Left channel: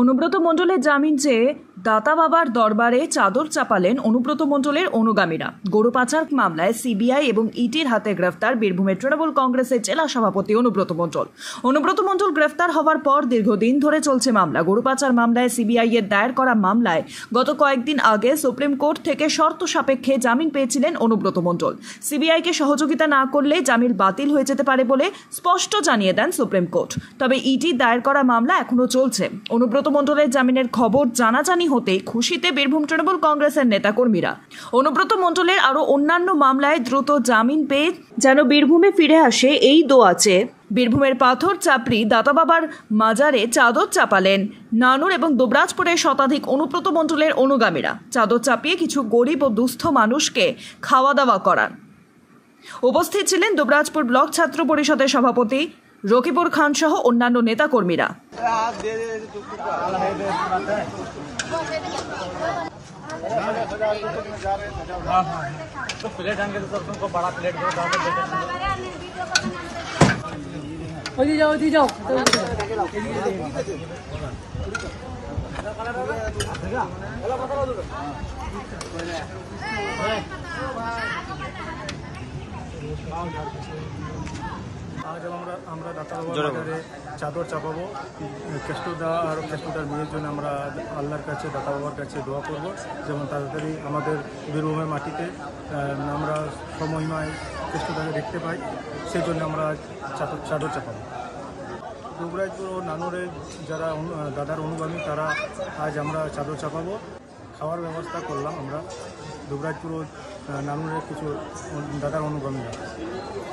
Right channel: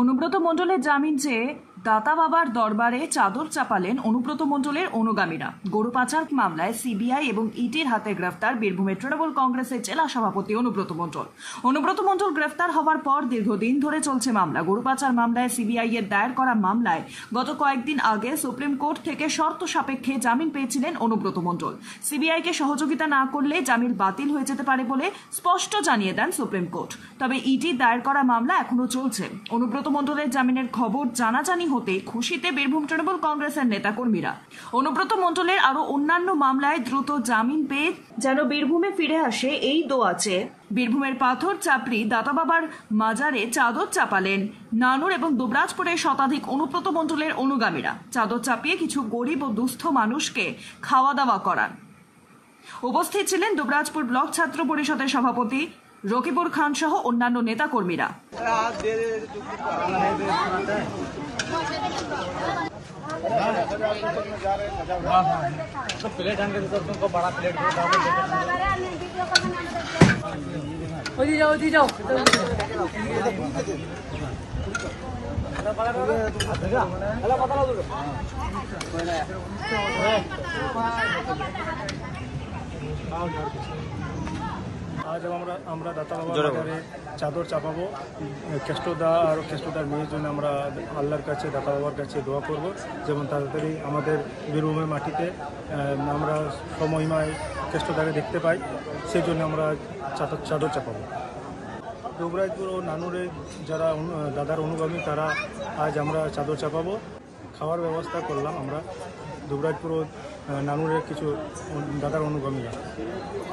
অনুব্রত মণ্ডলের জামিন চেয়ে দাতা বাবার দরবারে চাদর চাপালেন অনুব্রত মণ্ডলের অনুগামীরা। গরু পাচার মামলায় সিবিআই এবং ইডির হাতে গ্রেফতার বীরভূমের তৃণমূল কংগ্রেসের জেলা সভাপতি অনুব্রত মণ্ডল। অনুব্রত মণ্ডল গ্রেফতার হওয়ার পর দীর্ঘদিন ধরে চলছে মামলা। গরু পাচার মামলায় সিবিআই এর দায়ের করা মামলায় গত কয়েকদিন আগে সুপ্রিম কোর্ট থেকে শর্ত সাপেক্ষে জামিন পেয়েছিলেন অনুব্রত মণ্ডল। সিবিআইকে সহযোগিতা না করলে জামিন বাতিল হয়ে যেতে পারে বলে স্পষ্ট জানিয়ে দেন সুপ্রিম কোর্ট। তবে ইডি দায়ের করা মামলা এখনো চলছে। অনুব্রত মণ্ডলের জামিনের খবর জানাজানি হতে খুশিতে বীরভূম তৃণমূল কংগ্রেসের নেতাকর্মীরা। অনুব্রত মণ্ডলের আরো অন্যান্য মামলায় দ্রুত জামিন পেয়ে যেন বীরভূমে ফিরে আসে এই দোয়া চেয়ে বীরভূমের পাথর চাপড়ি দাতা বাবার মাজারে চাদর চাপালেন নানুর এবং দুবরাজপুরের শতাধিক অনুব্রত মণ্ডলের অনুগামীরা। চাদর চাপিয়ে কিছু গরিব ও দুস্থ মানুষকে খাওয়া দাওয়া করান। উপস্থিত ছিলেন দুবরাজপুর ব্লক ছাত্র পরিষদের সভাপতি রকিবুর খান সহ অন্যান্য নেতাকর্মীরা। तो प्लेट आएंगे तो तुमको बड़ा प्लेट दो जाओ आज আমরা দাতা বাবার বাজারে চাদর চাপাবো। কেষ্টদা আর কেষ্টদার মেয়ের জন্য আমরা আল্লাহর কাছে দাতা বাবার কাছে দোয়া করব, যেমন তাড়াতাড়ি আমাদের বীরভূমের মাটিতে আমরা সমহিমায় কেষ্টদাকে দেখতে পাই, সেই জন্য আমরা চাদর চাপাবো। দুবরাজপুর ও নানুরের যারা দাদার অনুগামী তারা আজ আমরা চাদর চাপাবো। খাওয়ার ব্যবস্থা করলাম আমরা দুবরাজপুর ও নানুরের কিছু দাদার অনুগামীরা।